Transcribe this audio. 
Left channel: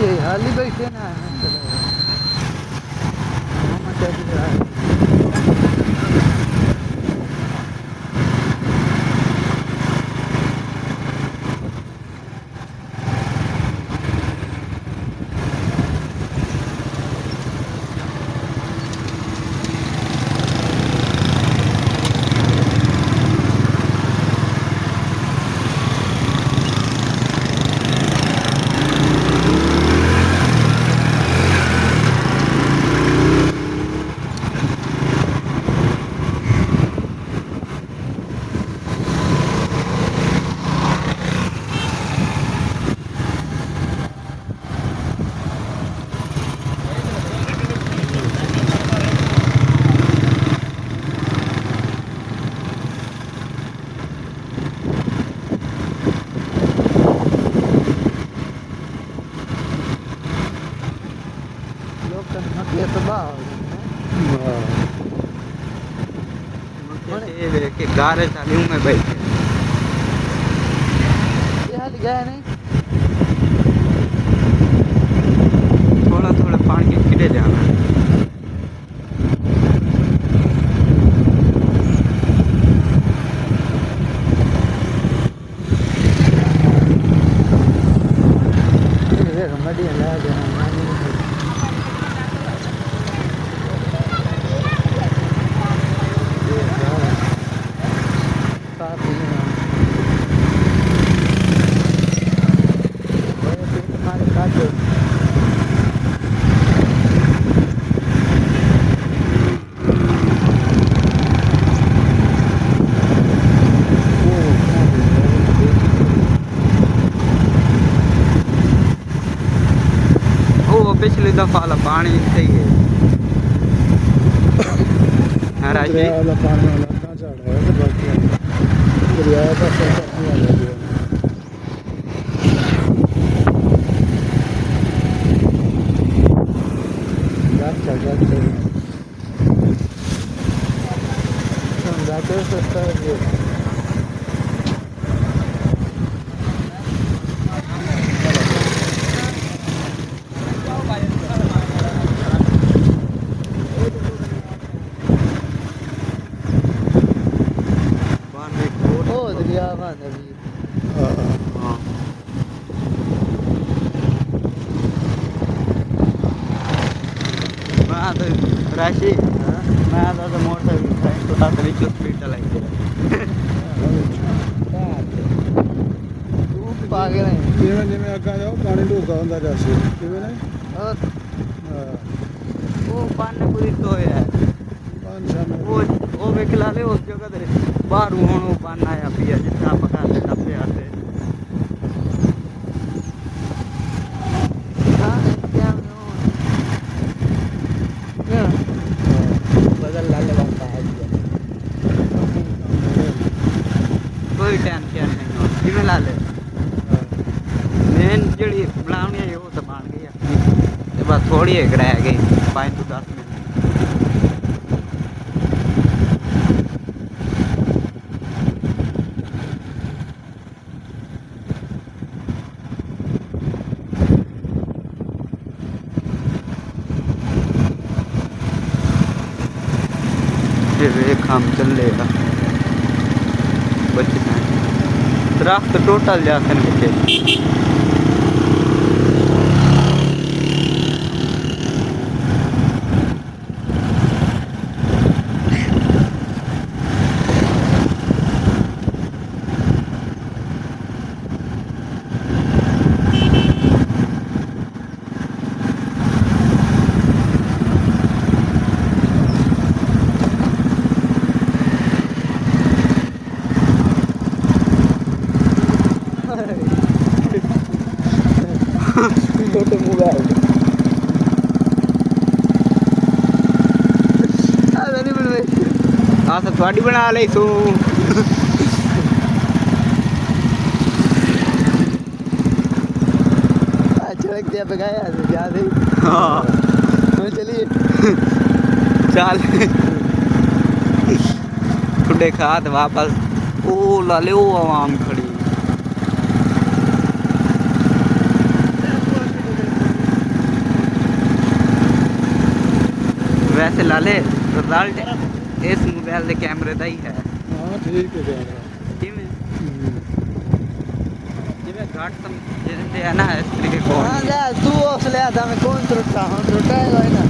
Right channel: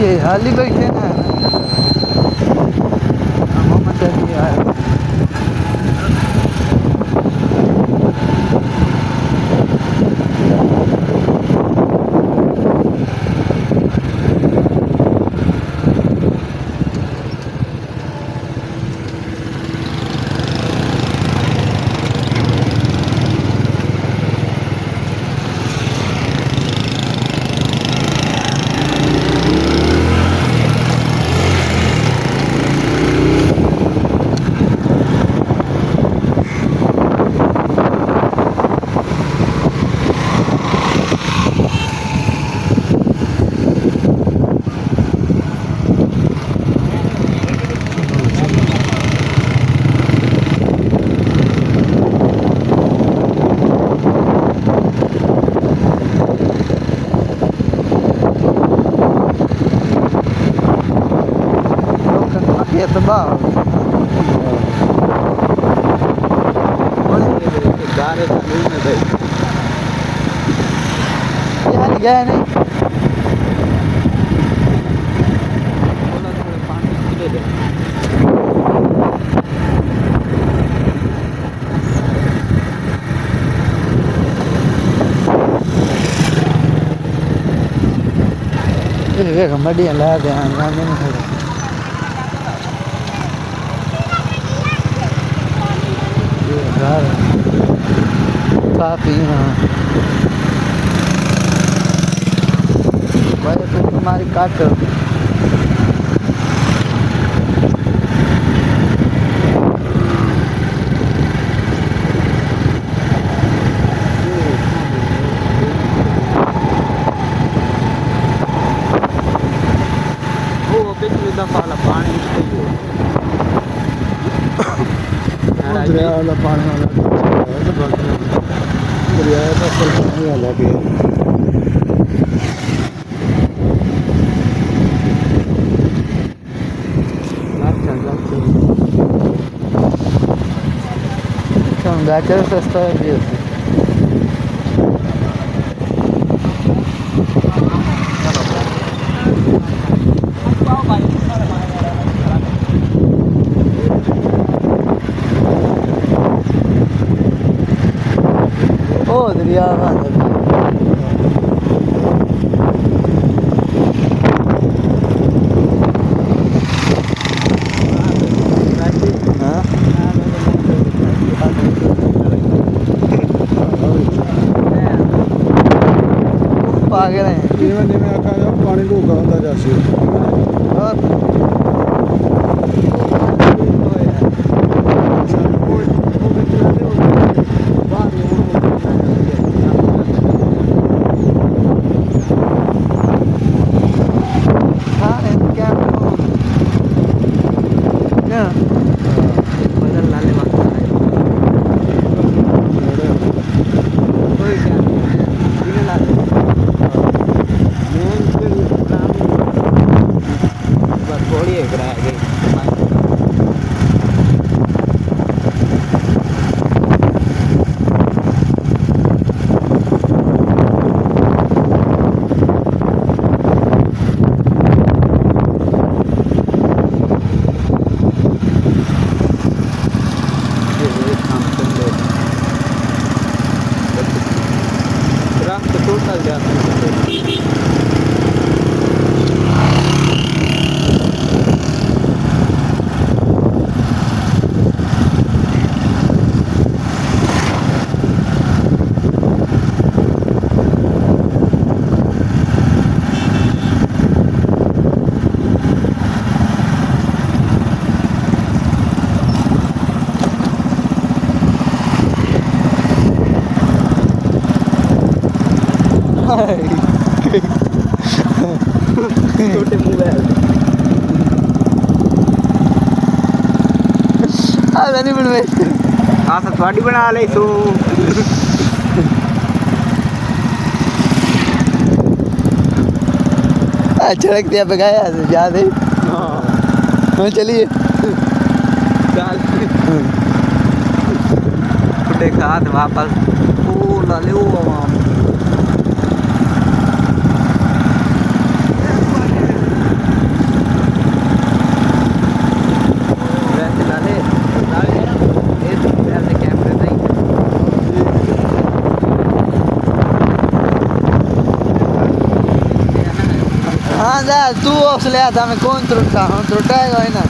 ये हाल ही बैठे हैं मोहम्मद अली यार। ये तो गारे चालू में भाई यार गया नहीं थोड़ा पानी खिले जाए देख मडियां ला दे हां मैंने काफी हमारे काट वो पिछली दफा वाला पानी सही है दरिया वाला पानी वाला दरिया का पानी वाला भी बैकर सस्ता है ओ दरिया पागल है जिमें जिमें आखा जाओ पानी ढूका होंदा जासी वो भी खिलाते हो बाहर बदल लाले वक्त कोई टाइम क्या जिमें ला ले मेन जड़ी पुरानी बस थोड़ी है किराया गई पानी का एक काम चल लेगा दरख्त टोटल जाते हैं छोटे मोबाइल नहीं बनवाई हाँ सब थोड़ी बना ले सो सड़क दिया पे गया याद है हाँ चलिए चल खुदे खाद वापस ओ लाले ओ आवाम साले सरदार जी इस मोबाइल के कैमरे ਦਾ ਹੀ ਹੈ हाँ जा तू उस लिया था मैं कौन त्रुटा हाँ त्रुटा है ना